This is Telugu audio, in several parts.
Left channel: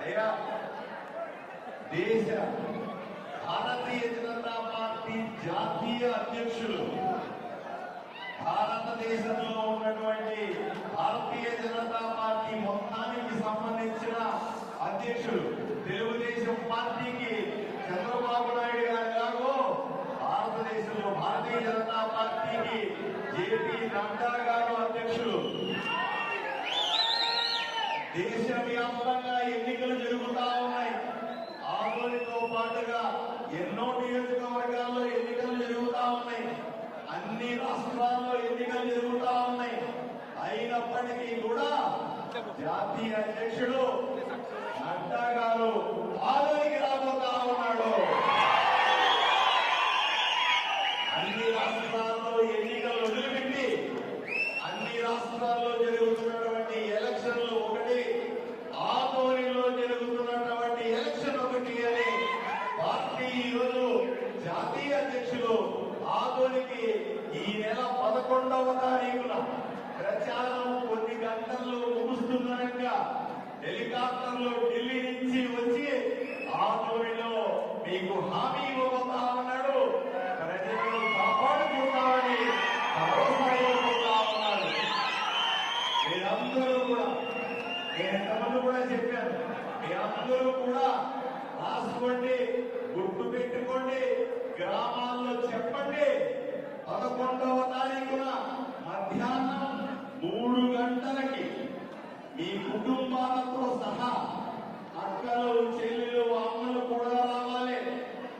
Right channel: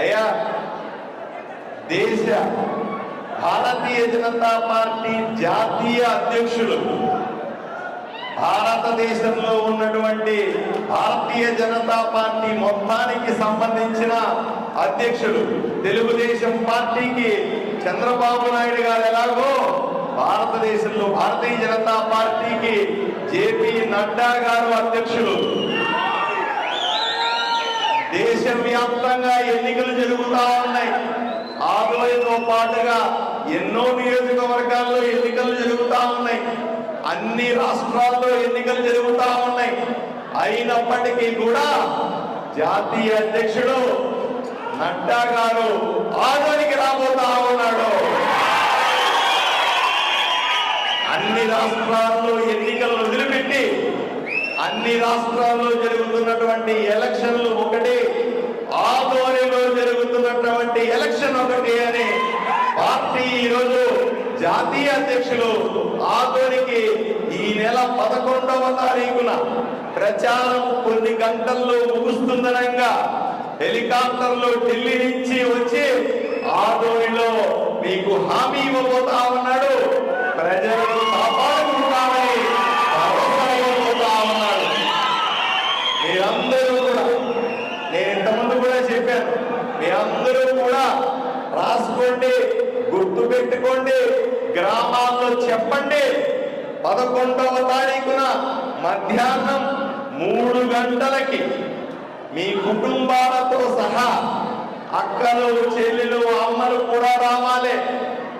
అయ్యా దేశ భారతీయ జనతా పార్టీ జాతీయ అధ్యక్షులు భారతదేశంలో ఉన్నటువంటి భారతీయ జనతా పార్టీ మొత్తానికి సంబంధించిన అధ్యక్షులు తెలుగుదేశం పార్టీకి చంద్రబాబు నాయుడు గారు ఎలాగో భారతదేశంలో భారతీయ జనతా పార్టీకి జేపీ నడ్డా గారు అధ్యక్షులు. దేశవ్యాప్తంగా ఎన్నికలు జరుగుతా ఉన్నాయి. ఆదులతో పాటుగా ఎన్నో నియోజకవర్గాల్లో ఎన్నికలు జరుగుతా ఉన్నాయి. అన్ని రాష్ట్రాల్లో ఎన్నికలు జరుగుతా ఉన్నాయి. అయినప్పటికీ కూడా జాతీయ అధ్యక్షుడు నడ్డా గారు ఆదరికి రాబోతా ఉన్నాడు. అన్ని రాష్ట్రాల్లో ఎన్నికలు వదిలిపెట్టి అన్ని రాష్ట్రాల్లో జరుగుతున్నటువంటి ఎలక్షన్ జాతీయ అధ్యక్షులు ఆదోనికి ఈ నెల పదకొండవ తారీఖున ప్రచారం కొన్ని గంటల్లో ముగుస్తుందనంగా హెలికాప్టర్లో ఢిల్లీ నుంచి వచ్చి ఆధోనిలో మీకు హామీ ఇవ్వబోతా ఉన్నాడు. ప్రజలను కాపాడుకుంటామని భరోసా ఉన్నాడు. మీరందరూ కూడా నేను ఇంతకుముందు కూడా చెప్పాను మీరందరూ కూడా రాసుకోండి గుర్తు పెట్టుకోండి గ్రామాల్లో చెప్పండి. పదకొండవ తారీఖున మధ్యాహ్నం మూడు గంటలకి మీ కుటుంబాలతో సహా అక్కలు చెల్లెలు అమ్మలు కూడా రావాలి.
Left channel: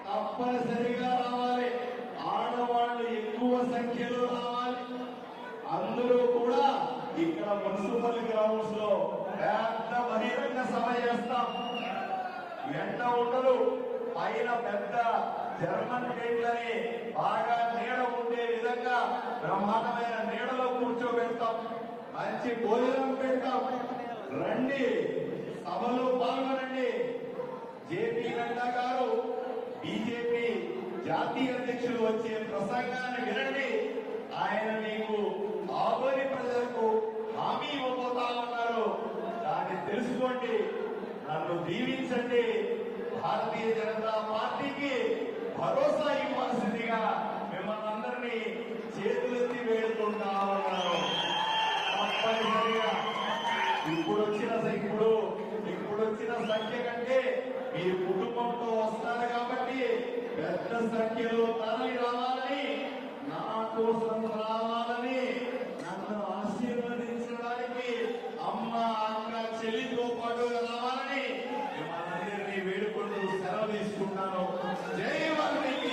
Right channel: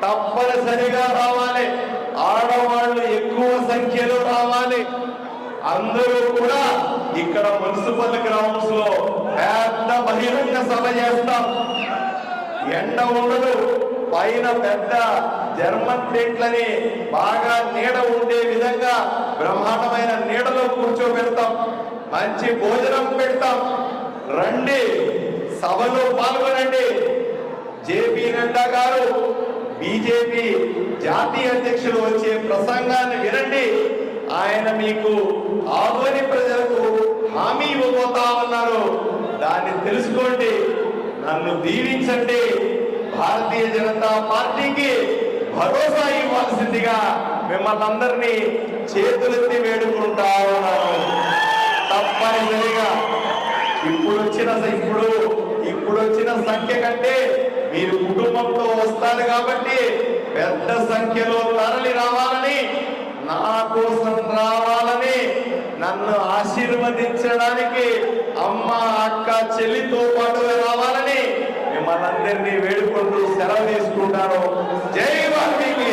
తప్పనిసరిగా రావాలి. ఆడవాళ్ళు ఎక్కువ సంఖ్యలో రావాలి. అందరూ కూడా ఇక్కడ మున్సిపల్ గ్రౌండ్స్లో పెద్ద బహిరంగ సభ చేస్తాం. ఎండ ఉండదు. పైన పెద్ద జర్మన్ టెంట్లని బాగా నీడ ఉండే విధంగా బ్రహ్మాండమైన నీడలో కూర్చోబెడతాం. మంచి భోజనం పెడతాం. రండి. సభలో పాల్గొనండి. జేపీ నడ్డా గారు బీజేపీ జాతీయ అధ్యక్షులు వచ్చే ప్రసంగాన్ని వినండి. ఆయన మీకు ఆదోని ప్రజలకు హామీ ఇవ్వబోతా ఉన్నారు. దాన్ని తెలుసుకోండి. నన్ను దీవించండి. భారతీయ జనతా పార్టీకి భరోసా ఇవ్వాల్సిందిగా మిమ్మల్ని అందరినీ చేతులెత్తి వేడుకుంటా ఉన్నాను తప్పనిసరిగా. ఇప్పుడు వచ్చిన ఇప్పుడు ఇప్పుడు వచ్చిన సంఖ్య కంటే మీరు కుటుంబంతో వస్తారు కాబట్టి పెద్ద సంఖ్యలో తరలి రావాలని నా కోసం రావాలని నన్ను ఆశీర్వదించడానికి అమ్మ అక్క చెల్లితో పాటు రావాలి. వాళ్ళందరినీ వేడుకుంటూ సెలవు తీసుకుంటారు జై వాల్మీకి!